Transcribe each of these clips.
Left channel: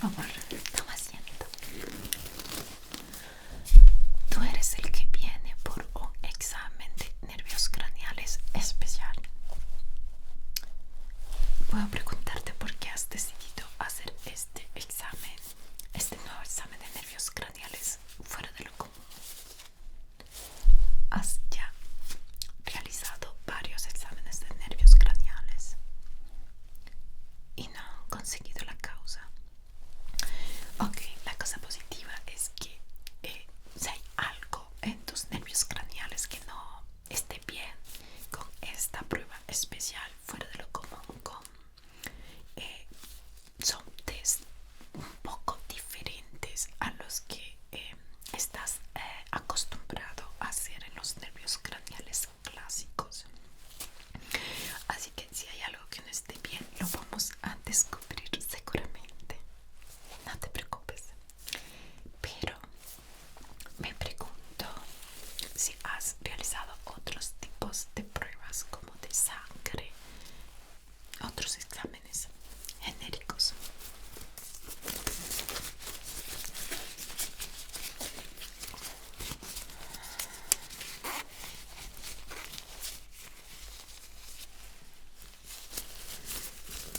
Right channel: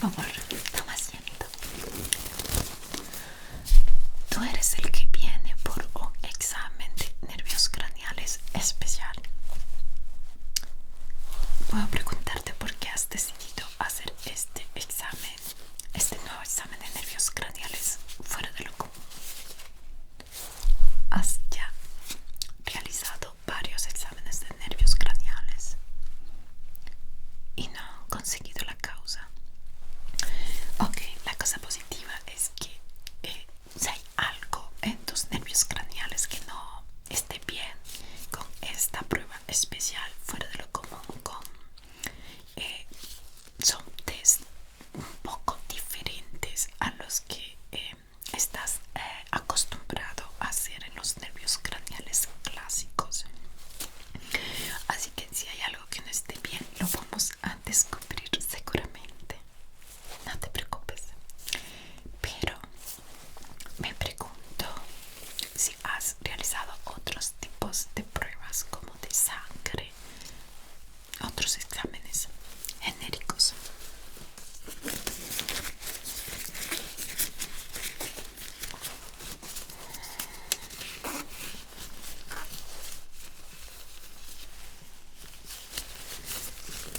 favor, toma asiento. Tú eres el que viene por un examen de nervios craneales especial. Puedo preguntarte por qué has decidido hacer este examen, este nuevo examen de nervios craneales fuera de lo común. Has ya realizado varios exámenes de nervios craneales y no han conseguido la causa. Ok, la cosa positiva es que si hay algo en tus nervios craneales que no esté bien, con esta prueba especial fuera de lo común, son test un poco diferentes a los que estás acostumbrado a hacer en los nervios craneales clásicos. Así que si hay algo que no esté bien, lo vamos a descubrir seguramente. No te preocupes. Pero me pregunto si has realizado otros tipos de pruebas como de sangre, otros exámenes genéricos.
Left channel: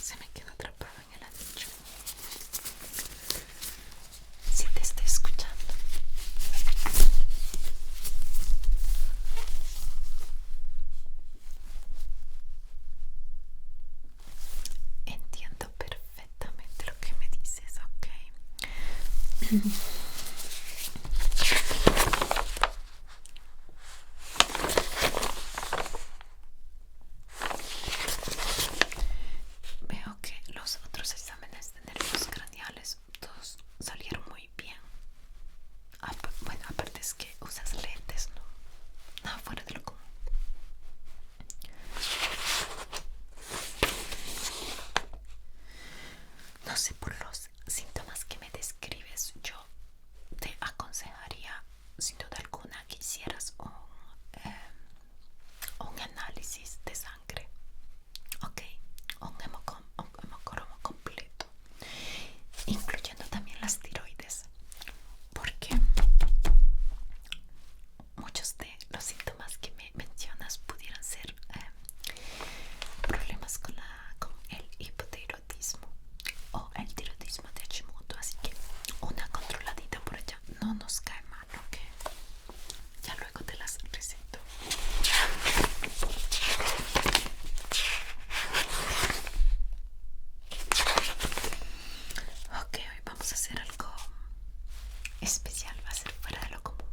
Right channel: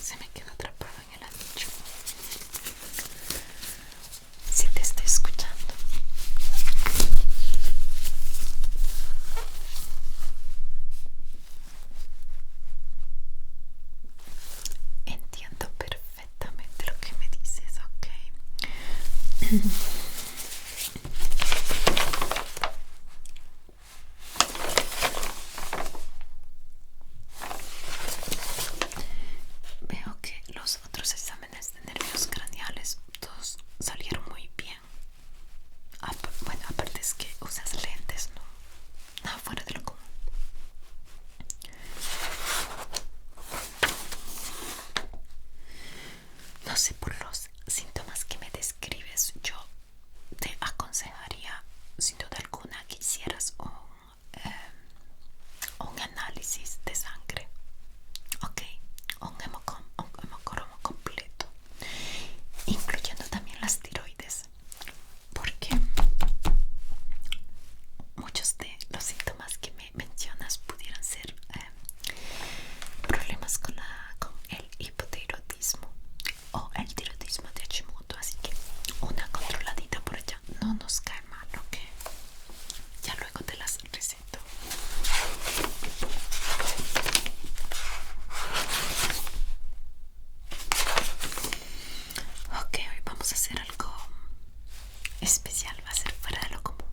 Se me quedó atrapado en el anillo. Si te estoy escuchando. Entiendo perfectamente lo que me dices, ok. Veo que los otros exámenes de nervios craneales todos salieron muy bien. Bueno, aparte es que usas lentes, ¿no? Nada fuera de lo común. No sé, por los síntomas que me describes, yo te aconsejaría sin duda alguna que hicieras un análisis de sangre, ok, un hemocromo completo, incluyendo también las tiroides, porque muchos de los síntomas que me mencionas pudieran ser problemas con el hipotiroidismo o el tiroidismo de Hashimoto, así que una controladita por allá no nos cae mal, ok. Ya luego te las receto. Ok, hoy vamos a hacer algo especial, va a ser fuera de lo común.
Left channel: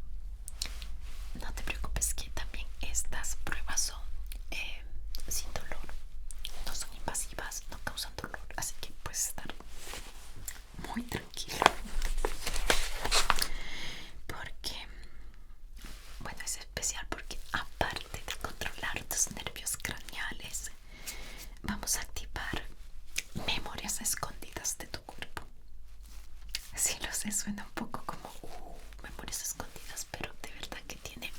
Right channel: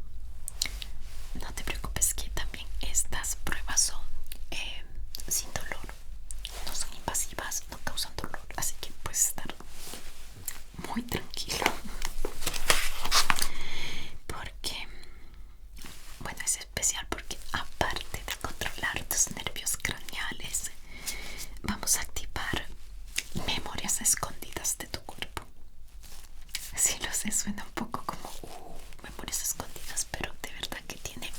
No te preocupes que también estas pruebas son sin dolor, no son invasivas, no causan dolor, así que puedes estar muy tranquilo. Porque, bueno, es especial porque aparte de controlar tus nervios craneales, vamos a activar memorias escondidas de tu cuerpo. Sí, lo sé, suena un poco como memorias escondidas, pero de verdad que tiene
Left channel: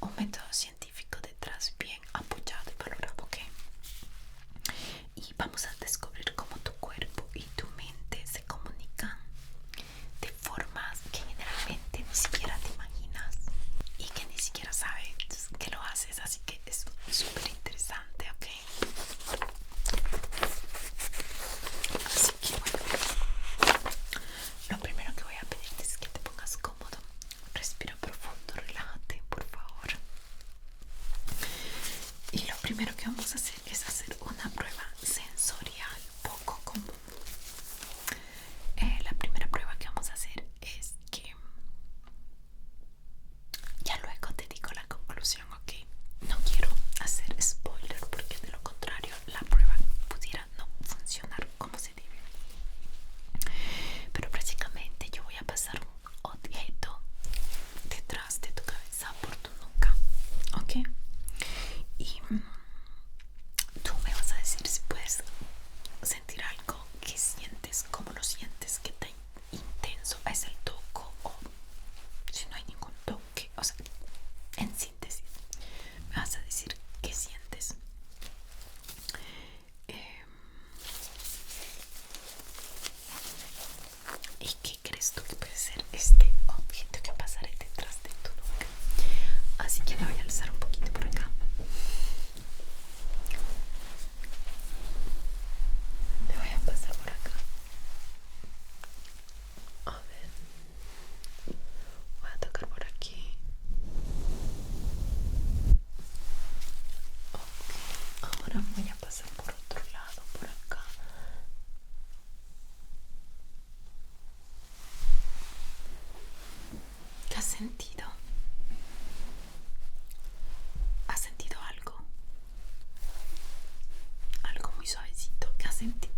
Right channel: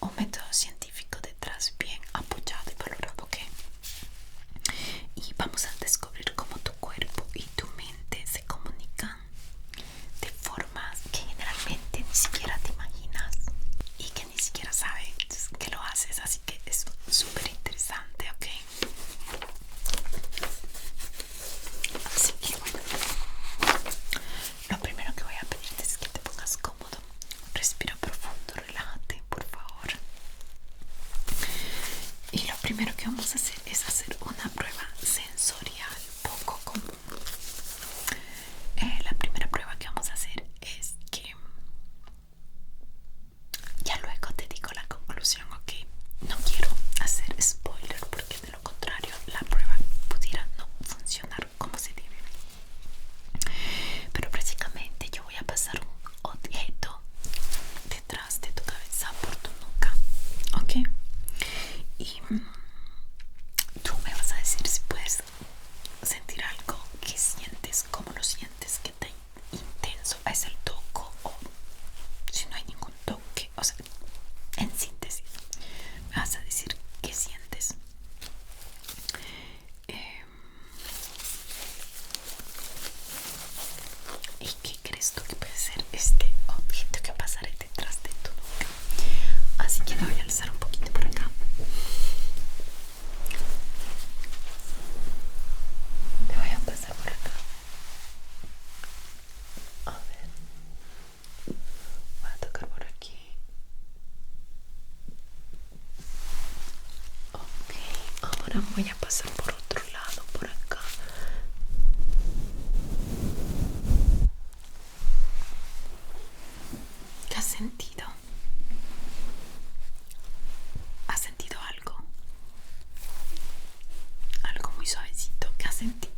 un método científico detrás bien apoyado y valorado, ¿ok? Y vamos a descubrir cómo tu cuerpo y tu mente se comunican de formas que generalmente ni siquiera te imaginas y que ni siquiera sabes que lo haces, así que es súper interesante, ¿ok? Así que bueno, lo primero que voy a pedirte es que te pongas cómodo. Respira profundo, relájate, por favor. Y lo primero que vamos a hacer es hacer una prueba sensorial poco común. La primera prueba que vamos a hacer es que ya luego te digo la conclusión, ok. No quiero hacer spoiler porque de lo contrario la prueba pudiera no funcionar como se debe. Pero prácticamente yo voy a pasar un objeto detrás de tu cabeza por tu nuca, ok. Y tú me vas a decir si puedes sentir algo, que sientes, cómo lo sientes, qué tan intenso es el toco o si no hay ningún toque. O sea, en síntesis, me vas a decir qué sientes. Ahora voy a pasar por otro lado, por acá. ¿Qué has sentido? ¿Has sentido algo? Algo muy suavecito. ¿Qué has sentido?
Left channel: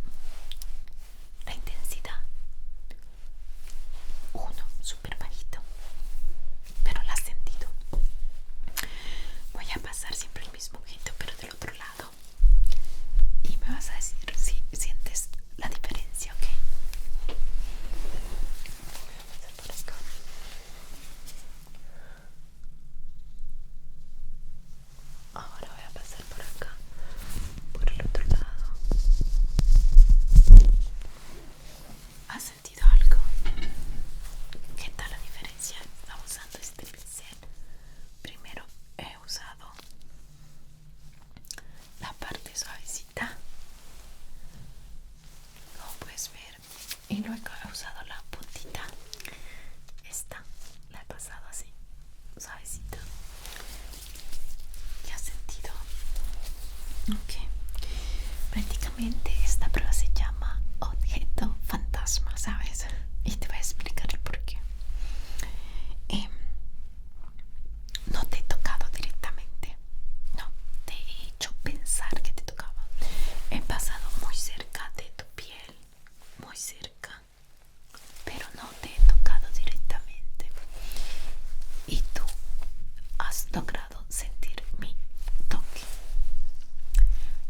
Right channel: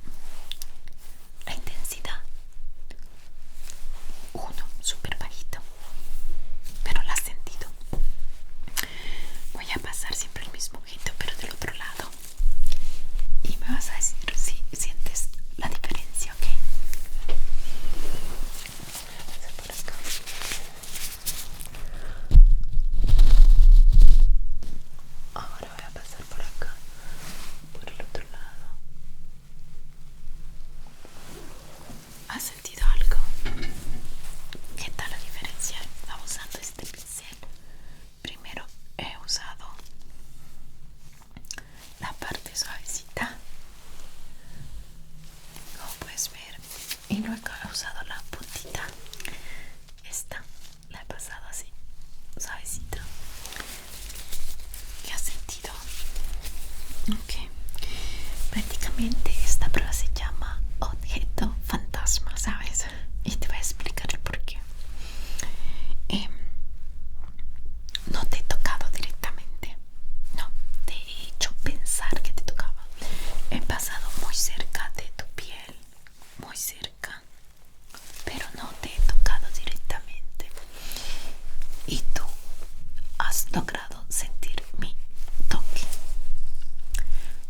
La intensidad. Uno, súper bajito. Pero la has sentido. Voy a pasar siempre el mismo objeto, pero del otro lado. Y me vas a decir si sientes la diferencia, ¿ok? Voy a pasar por acá. Ahora voy a pasar por acá, por el otro lado. ¿Has sentido algo? ¿Qué tal la diferencia? Estaba usando este pincel. Primero he usado la parte suavecita, como puedes ver, y luego he usado la puntita. Esta la he pasado así, suavecita. ¿Qué has sentido? Ok. Prácticamente esta prueba se llama objeto fantasma, ¿sabes? Y te voy a explicar el por qué. No te he tocado directamente. No, te he hecho pensar que te tocaba. He pasado muy cerca de tu piel, muy cerca, pero no te he tocado directamente. Y tú has logrado sentir mi toque.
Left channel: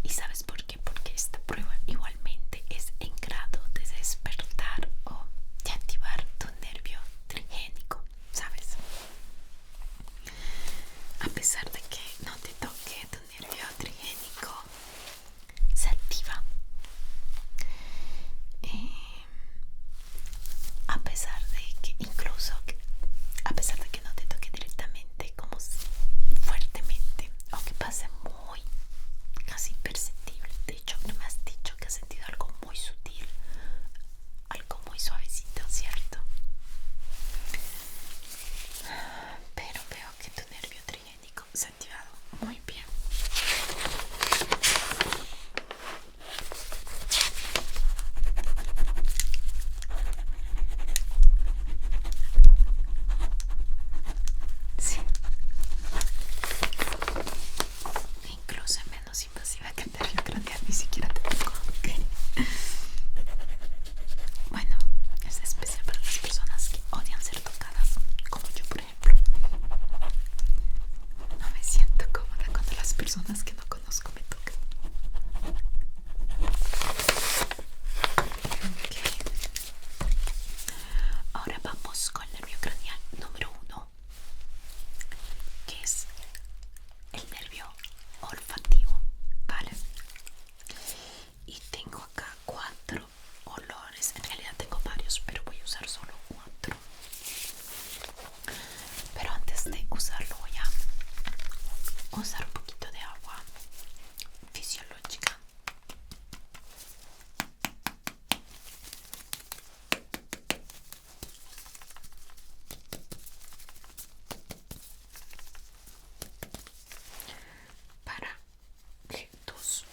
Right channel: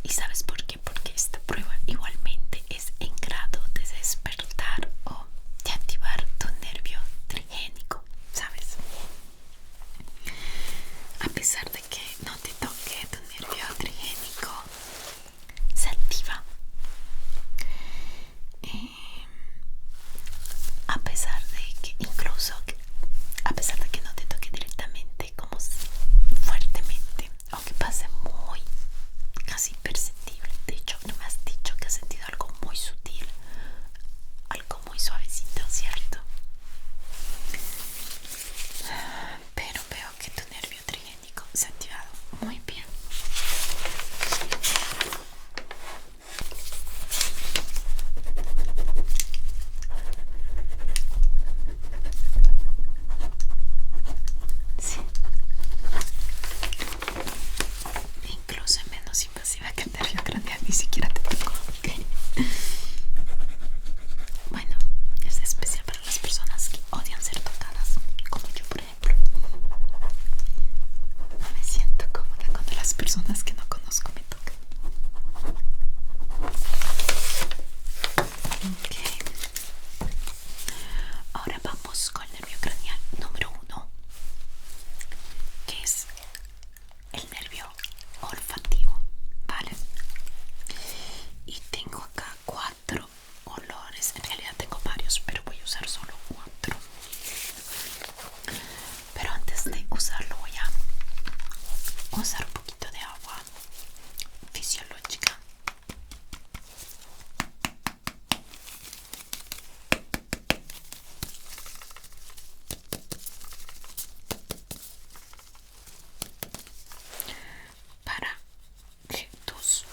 ¿Y sabes por qué? Porque esta prueba igualmente es en grado de despertar o de activar tu nervio trigénico, ¿sabes? A pesar de que no te toque tu nervio trigénico, se activa. A pesar de que incluso a pesar de que no te toque directamente, como fuertemente, o que pase muy casi imperceptible. De hecho, no me has dicho que has sentido algo muy sutil, algo muy suavecito, ¿cierto? Pero veo que tu nervio trigénico se ha activado muy bien. Sí. Incluso es menos invasiva que el nervio craneal, ni siquiera te tocó. ¿Okay? Bueno, es especial para las personas que odian ser tocadas, como yo, por ejemplo. No me siento cómoda cuando las personas que no conozco me tocan. Okay. Ahora vamos con el nervio craneal número 1, que es el nervio olfativo, ¿vale? Y tengo acá 4 olores. En realidad tengo varios, pero voy a usar solo 4. Pero antes de usarlo voy a usar un poquito de agua fisiológica. Para que tus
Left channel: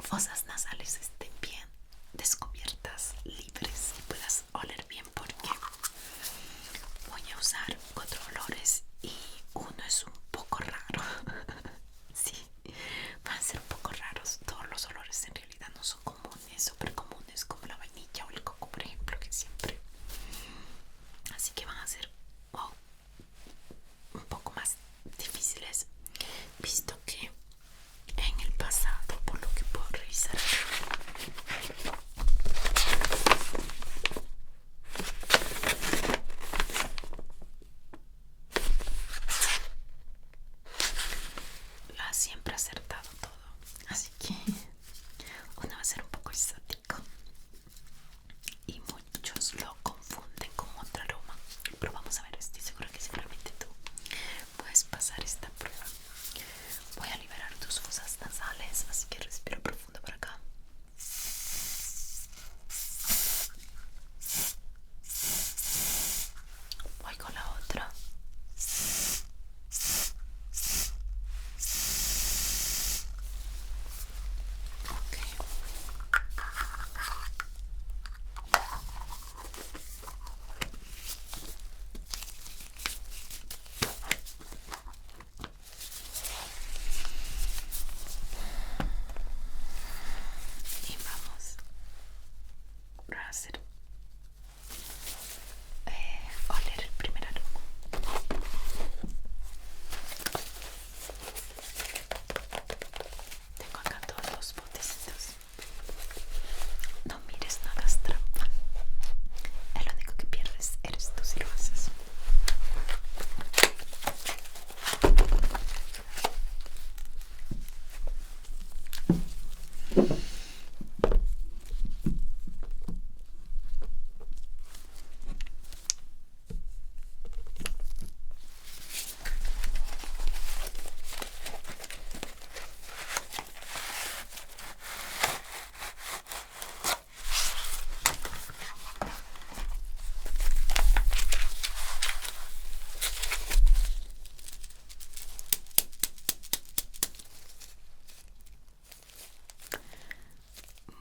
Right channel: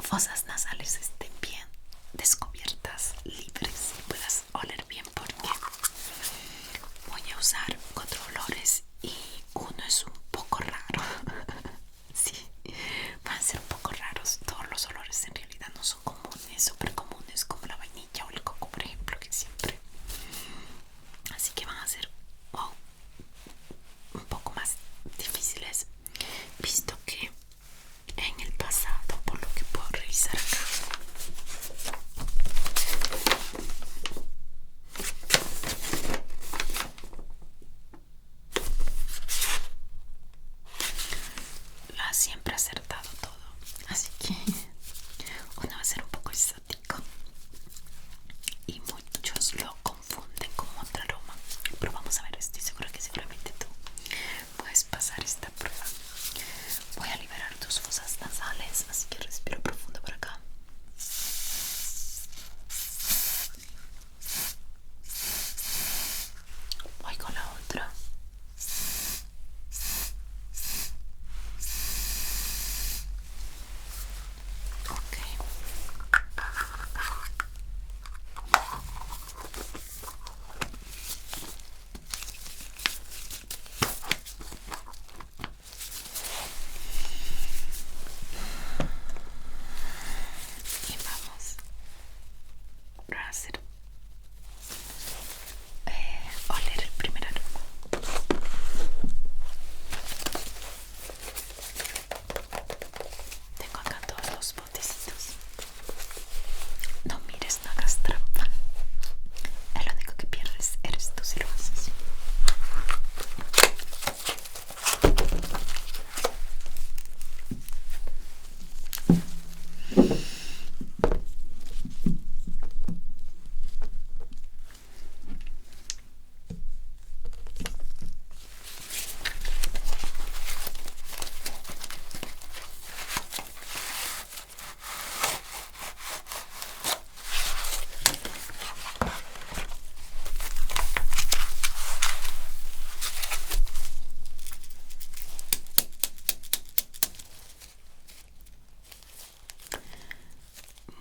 fosas nasales estén bien descubiertas, libres, y puedas oler bien, porque voy a usar 4 olores y uno es un poco raro. Sí, van a ser un poco raros. Todos los olores en realidad no son comunes, súper comunes, como la vainilla o el coco, por ejemplo, que siempre. Así que van a ser un poco más difíciles, visto que en el pasado, por lo que puedo revisar acá, para hacer oler el primer aroma. Tengo acá todos los botecitos. No mires, no hagas trampa. El único que pierdes eres tú si lo haces.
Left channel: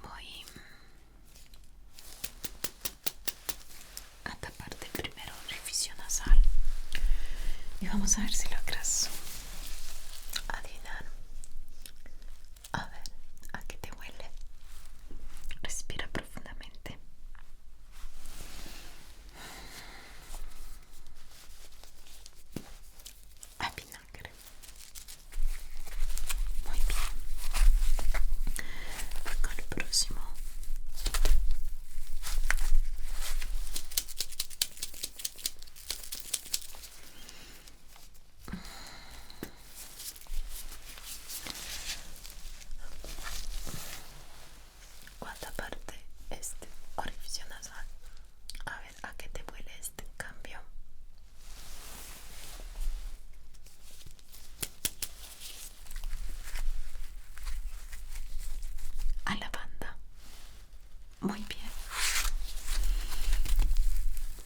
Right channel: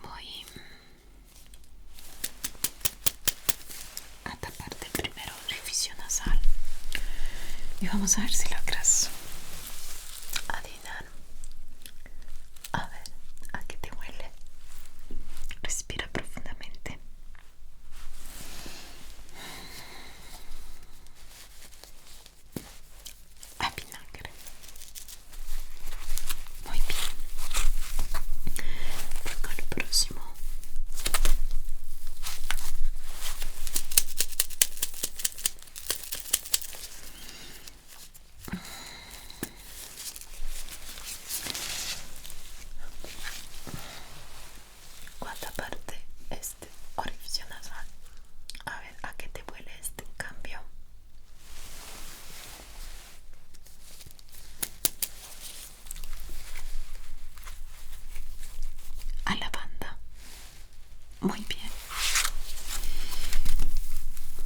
Voy a taparte primero el orificio nasal y vamos a ver si logras adivinar. A ver, ¿a qué te huele? Respira profundamente. A vinagre. Muy bien. Voy con el próximo. ¿Cuánta parte este orificio nasal? A ver, ¿a qué te huele este en cambio? A lavanda. Muy bien.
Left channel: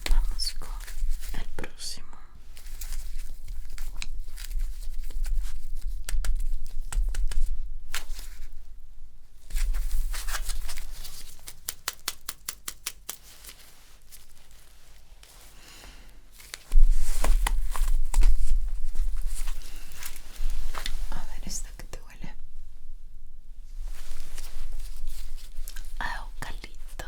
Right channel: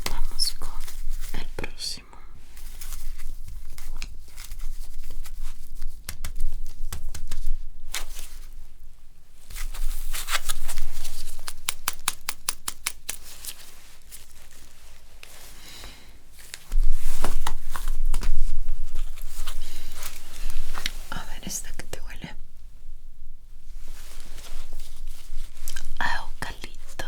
Vamos con el próximo. A ver, esta que te huele. A eucalipto.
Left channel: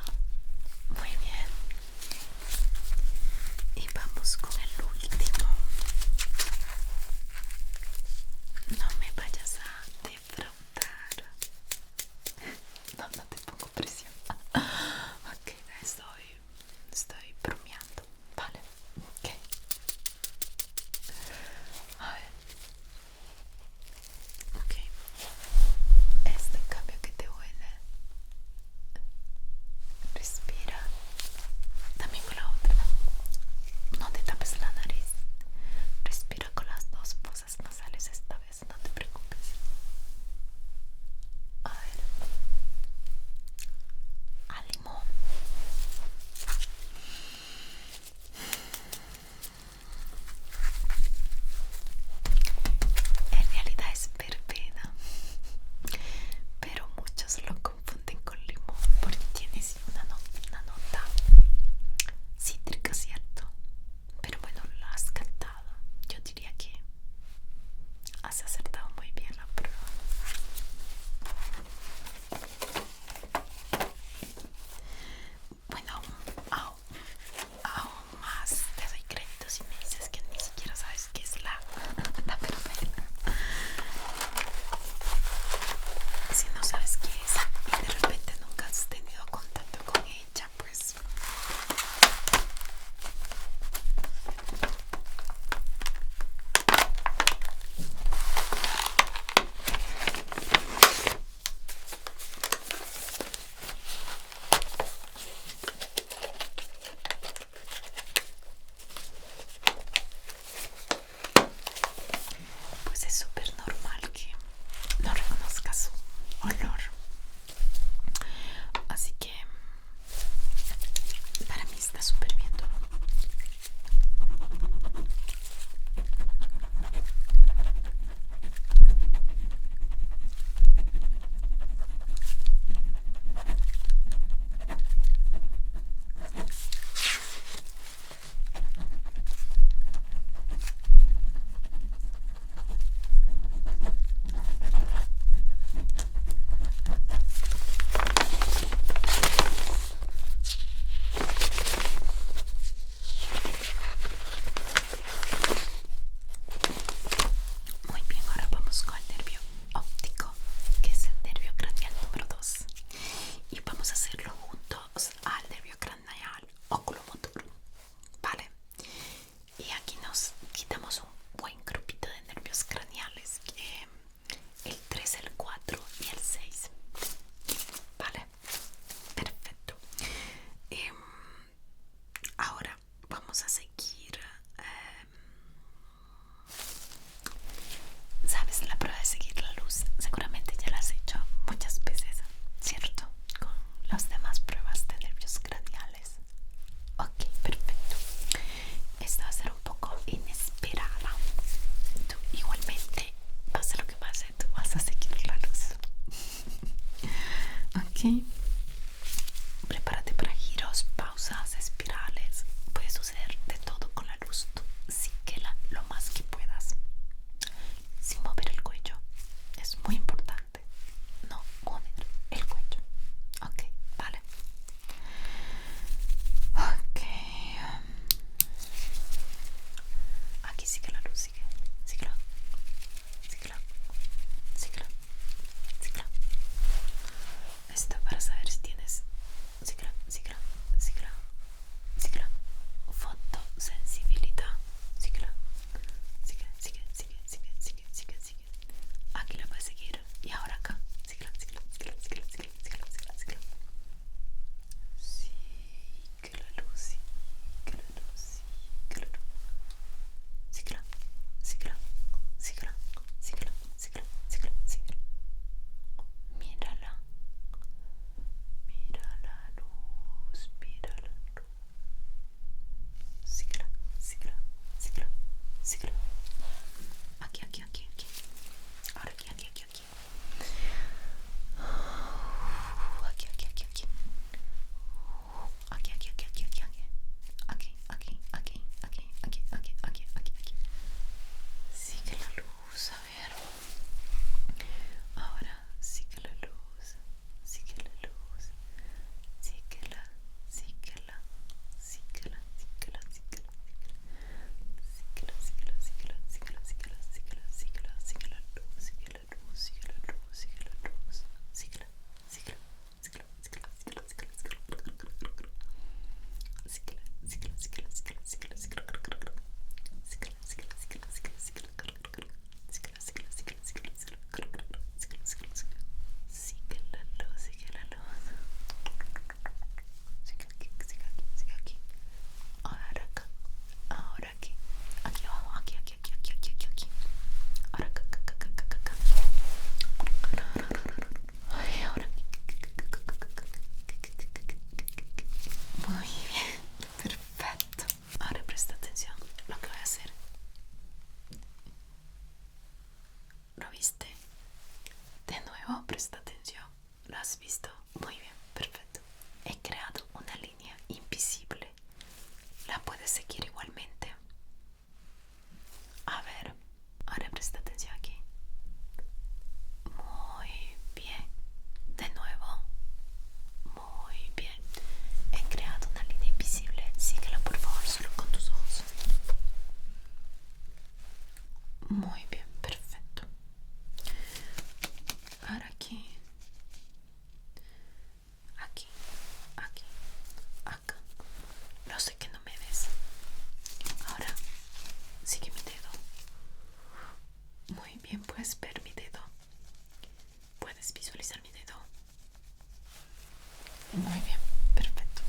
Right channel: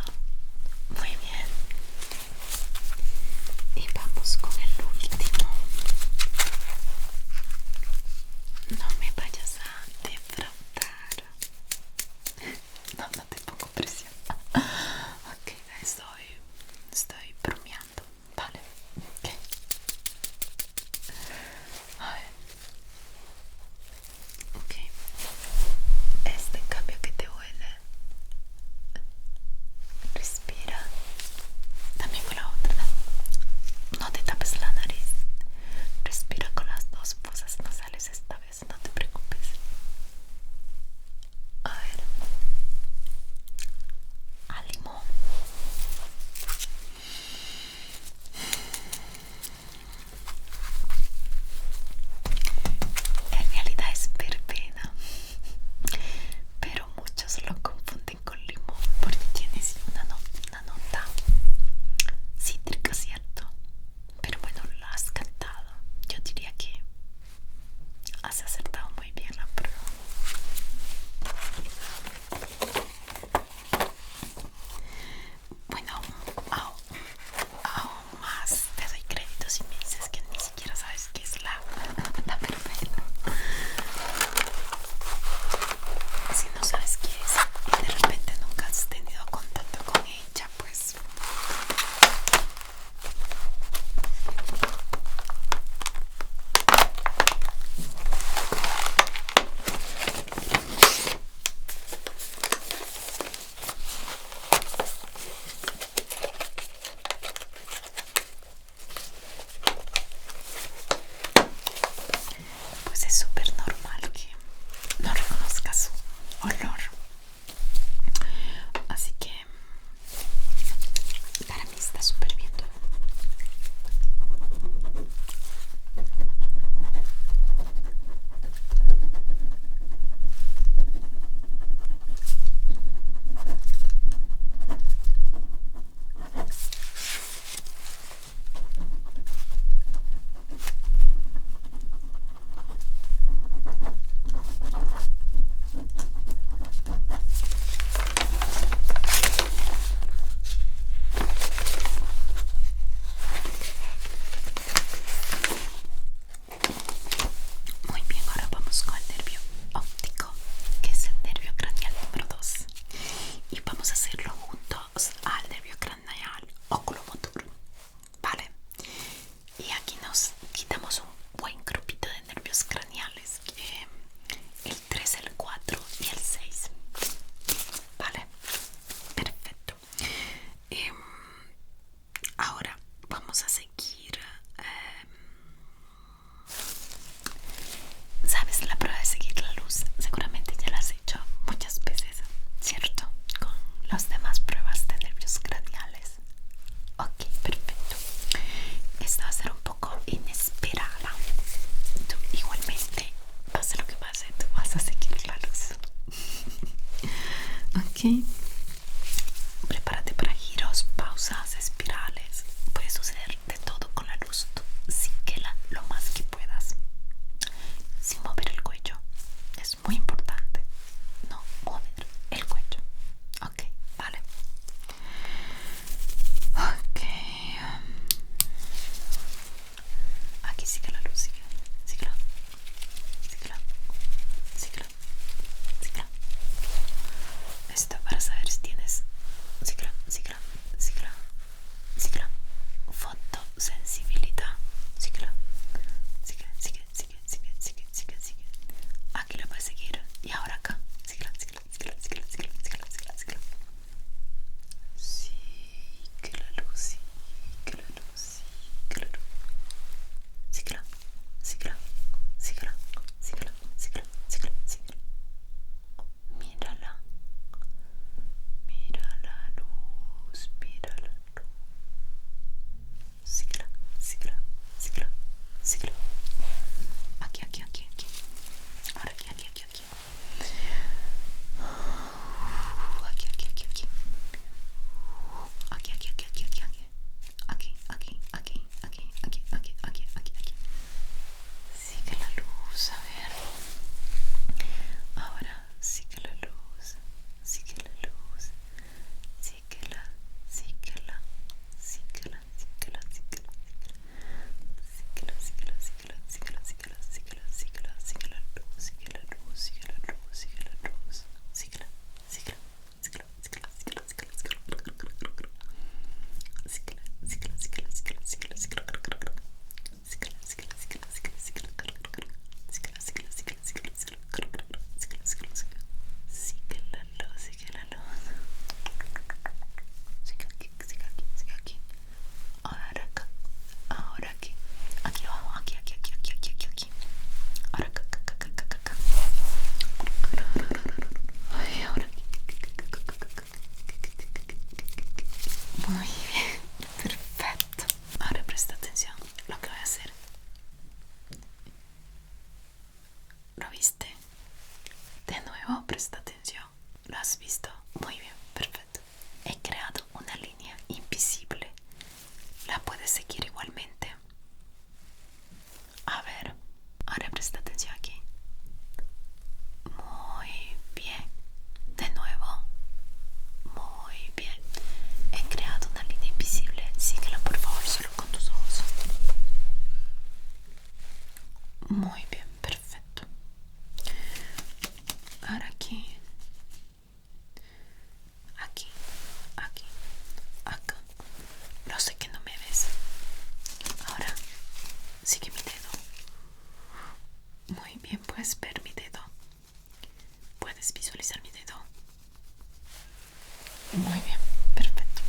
Muy bien, perfecto.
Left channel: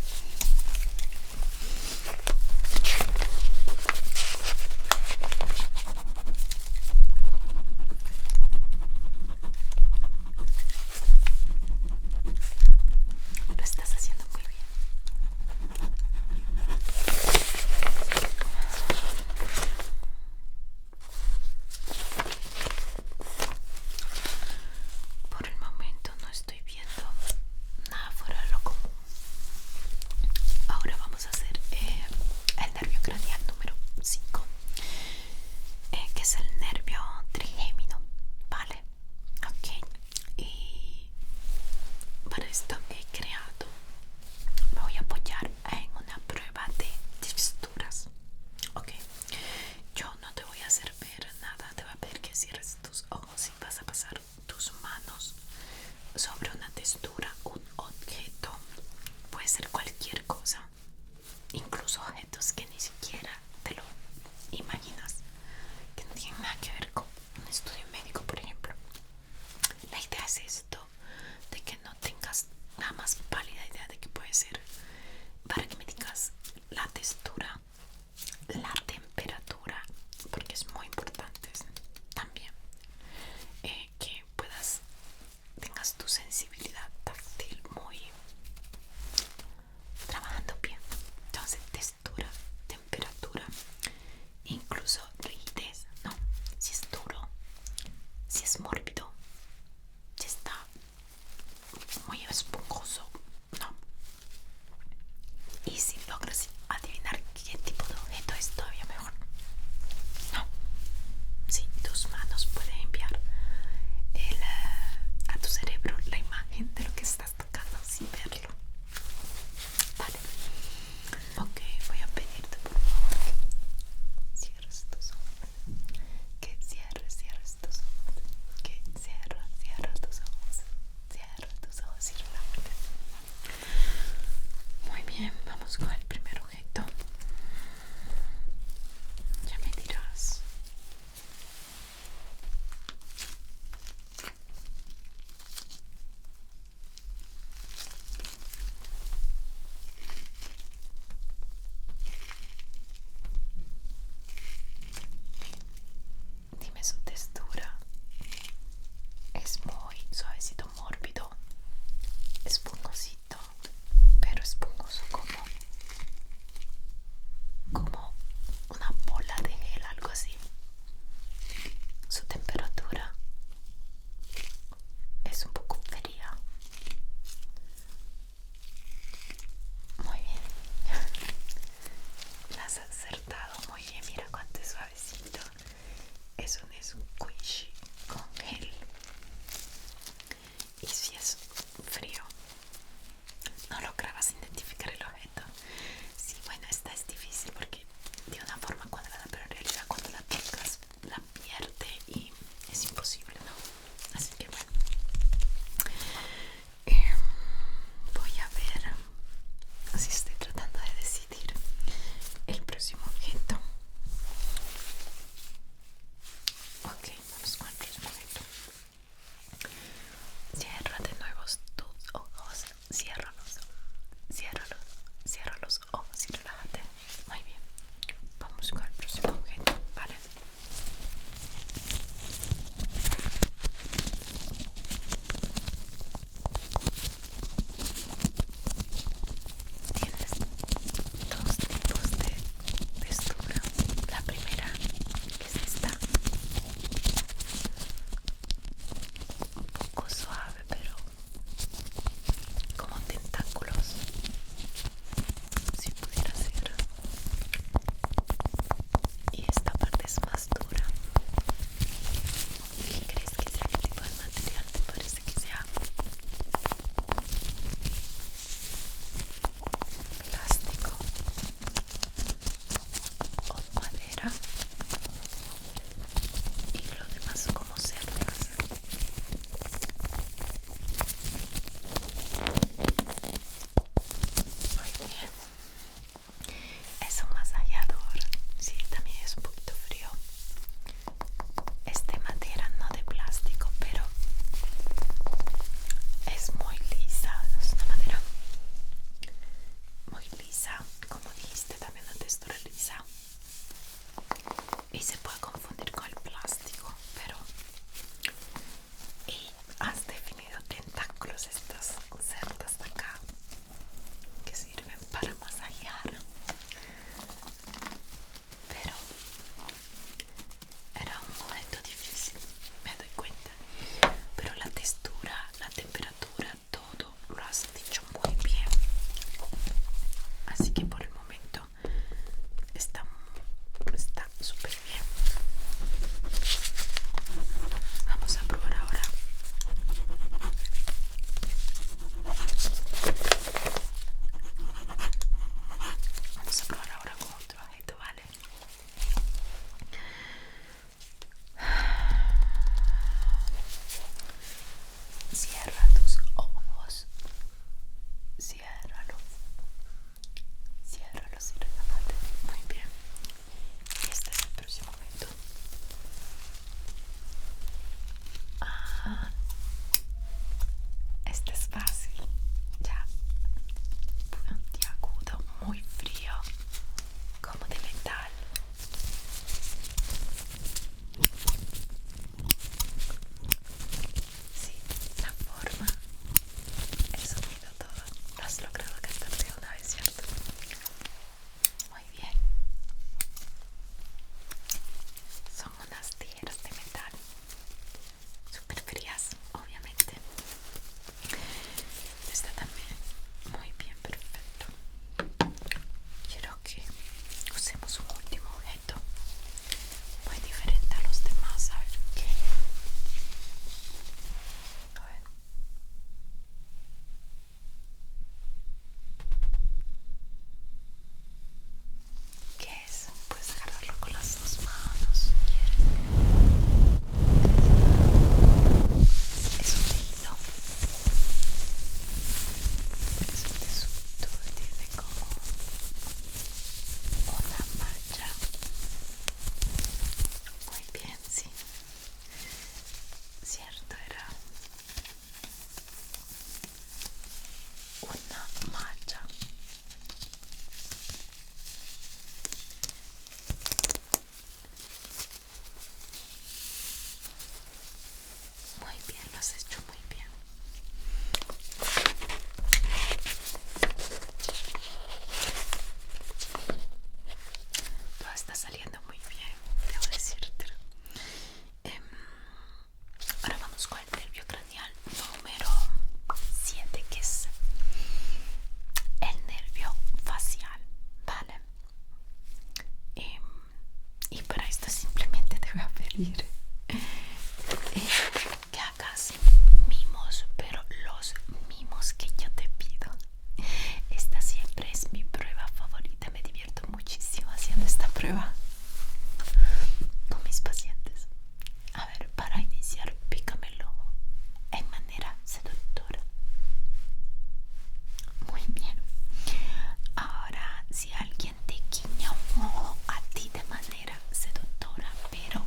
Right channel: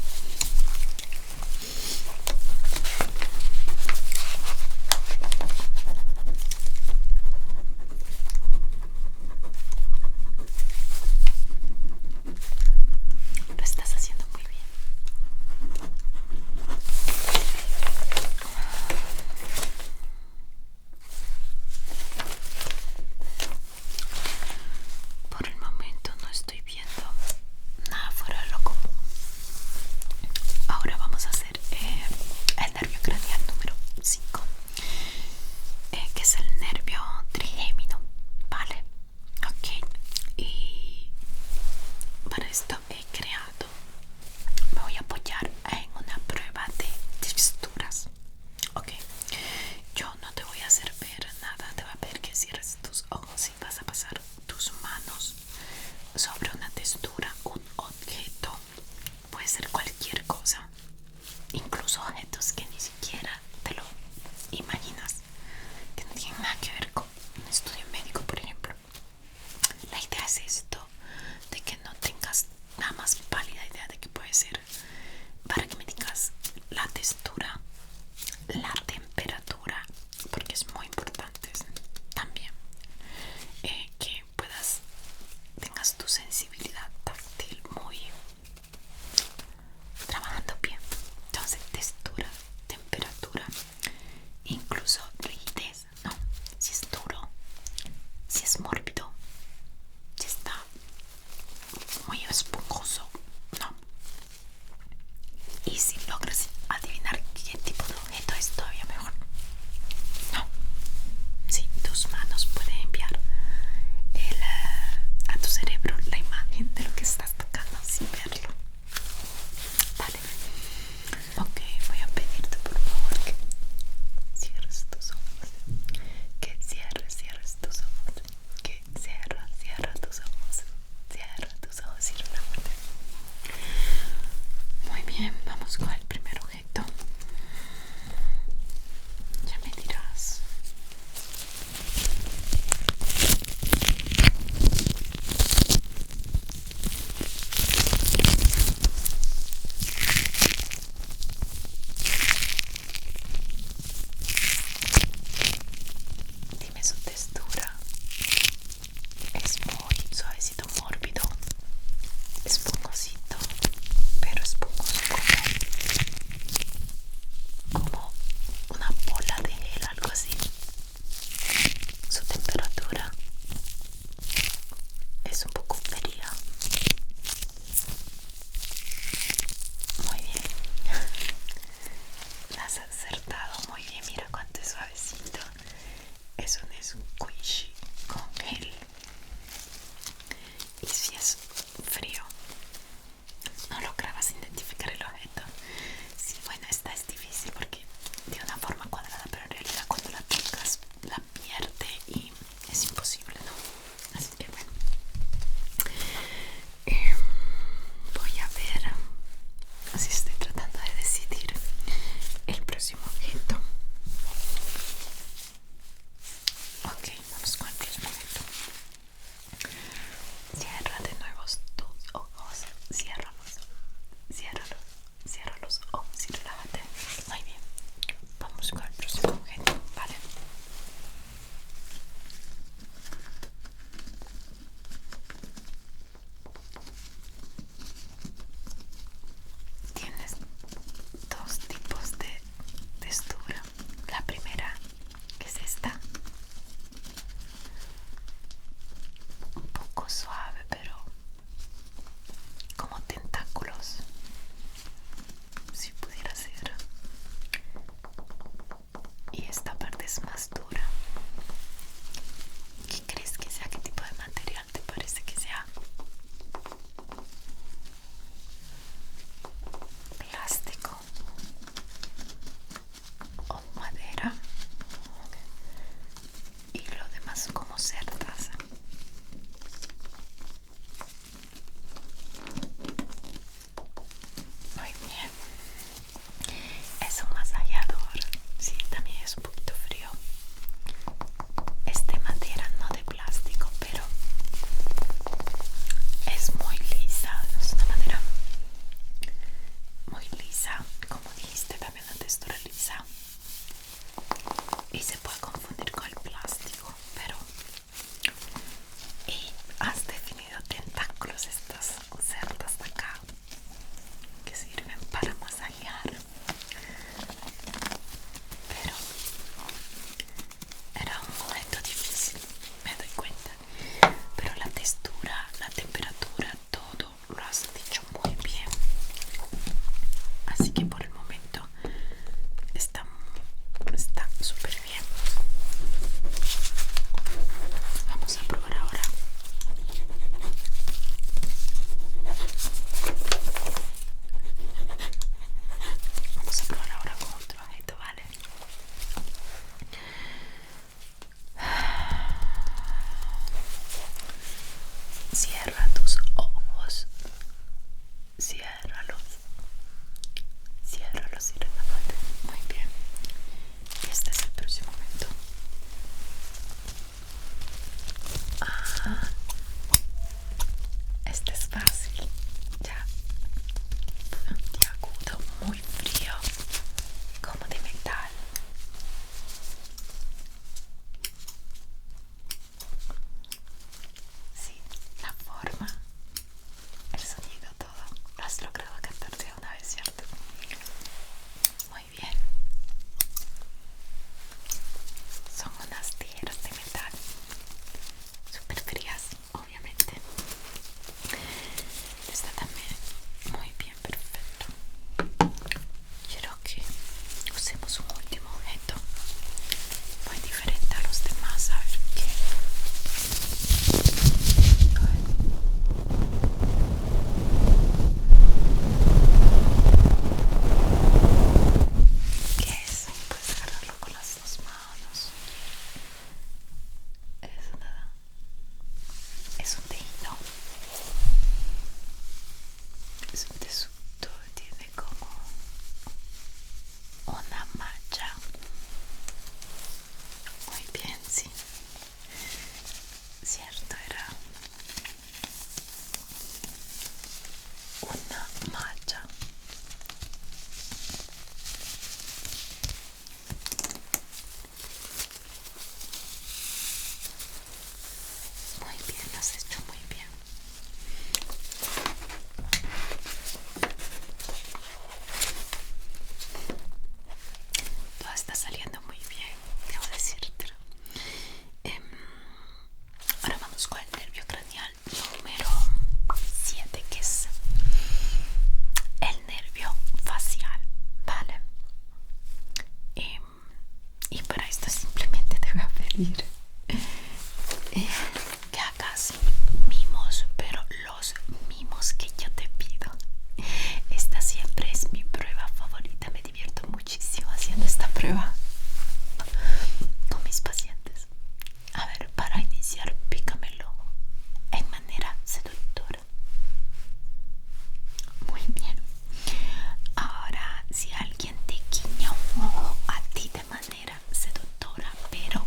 Lo estás haciendo muy bien. Por el momento no estoy viendo nada fuera de lo común. Ahora vamos a hacer el nervio craneal número 5, que es el nervio trigémino, ¿vale? Ok, y para esto he creado, me voy a apoyar en una prueba de texturas. Ok, yo no te voy a hacer ver nada, te voy a pedir que cierres tus ojos y vas a pasar tus manos sobre una textura, un objeto, puede ser cualquier cosa, incluso objetos que ni siquiera te lo imaginas, que no tienen nada que ver con un estudio médico, por ejemplo. La idea es esto, de que no tengas nada más pálida idea de qué puede ser, para que me digas la textura, la temperatura, porque es muy importante también, que tengas tu sensibilidad táctil muy trabajando bien. Entonces, textura, temperatura, incluso rigidez, ¿no? Si es duro, si es mórbido, si está muy esponjoso, ¿no? Y si logras adivinar qué tipo de objeto es, todavía mejor. No, sí, tus manos pueden enviar a tu cerebro la imagen de lo que estás tocando sin verlo. Vale. Ok, voy a pedirte por favor que cierres tus ojos. Que cierres tus ojos. Que cierra tus ojos. Cierra tus ojos y relájate. Muy bien, vamos con el primer objeto. Ya me dirás. Dime su textura. Es muy suavecito, mórbido, esponjosito, pero esponjoso como una bola de gel, algo así. Su temperatura es un poco fría. Muy bien. La has acertado muy bien. Mira cuánto es suavecito. Es un squishy con gel. Y si es frío, no lograbas identificar el objeto. Sí, bueno, esta es difícil porque de una forma cuadrada, pero en realidad cuando la tocas la pierde y es imposible, ¿no? Así que bueno, voy a ver, así estoy tratando de decidir el próximo objeto. Ok, vamos con el próximo objeto. Cierra de nuevo tus ojos, ciérralos, ciérralos, cierra los ojos y relájate. Muy bien, vamos con el próximo objeto, ¿vale? Tienes que por el momento está súper bien. Vamos a probar ahora. Vamos a probar ahora con otro objeto, ¿vale? Cierra tus ojos. Ciérralos. Ciérralos y relájate. Muy bien. Este es el próximo momento. Este es fácil. Ya. Puntiagudo, muy frío, como de metal. Sí, la forma, el sonido, todo. Lo has logrado captarte una vez, ¿cierto? Muy bien. Son unas tijeras de metal, súper frías, obviamente. Está también muy bien, perfecto. Quiero que usemos un último objeto muy diferente a los demás. A ver qué. ¿Qué es? Puedes agarrarlo con las dos manos. Es un teíno. Es un tesuto y tiene como una mancha. Muy bien, sí. Cierto, era una mancha. Muy bien, lo has hecho muy bien. Todo está saliendo muy bien, debo decirte. Ahora vamos con el nervio craneal número 7, que es el nervio facial, ¿vale? Y para esto simplemente te voy a pedir que hagas mimos, pero los mimos que yo te pido. Esta siempre es mi prueba favorita, me divierto muchísimo haciendo esta prueba con mis pacientes. A ver, para iniciar, pícame el ojo en manera seductora. Muy bien. Ahora, si alguien te guiña un ojo a ti de manera seductora, pero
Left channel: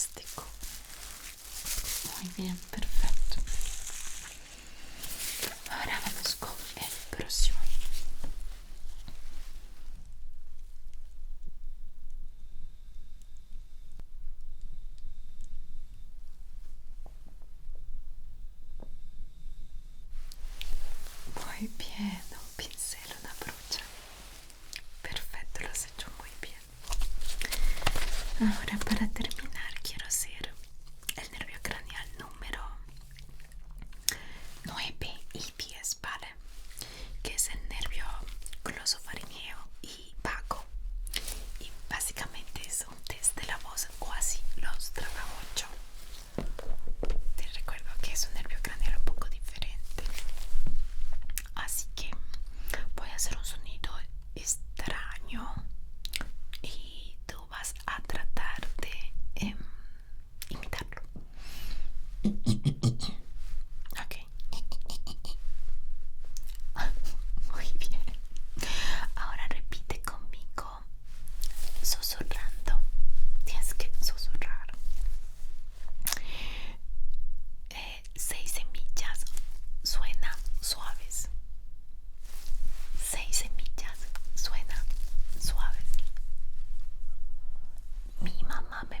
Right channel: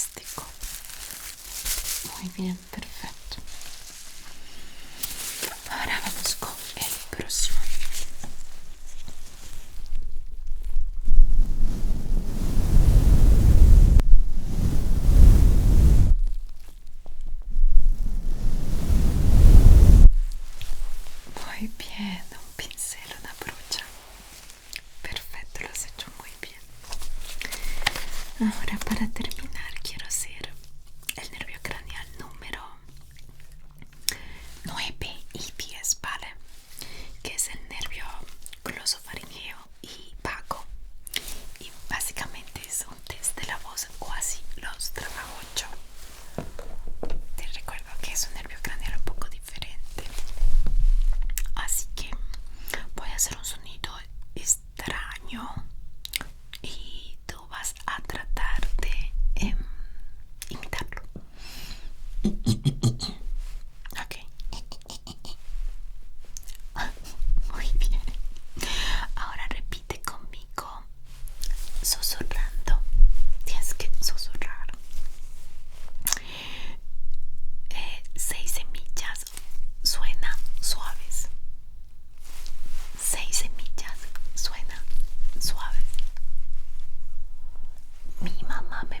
fantástico. Muy bien, perfecto. Ahora vamos con el próximo. Muy bien, un pincel, una brocha. Perfecto, lo has hecho muy bien. Ahora para terminar quiero hacer el nervio craneal número 9 y 10, ¿vale? Que es el nervio glosofaringeo y vago. Y básicamente es un test de la voz, o así los trabajo yo. Te recuerdo que es un nervio craneal un poco diferente. Así que voy a hacer un sonido extraño y tú vas a tratar de imitarlo. Ok. Muy bien. Ahora repite conmigo, susurrando. Tienes que susurrar. 6 semillas suenan suaves. 6 semillas suenan suaves. Mi mamá me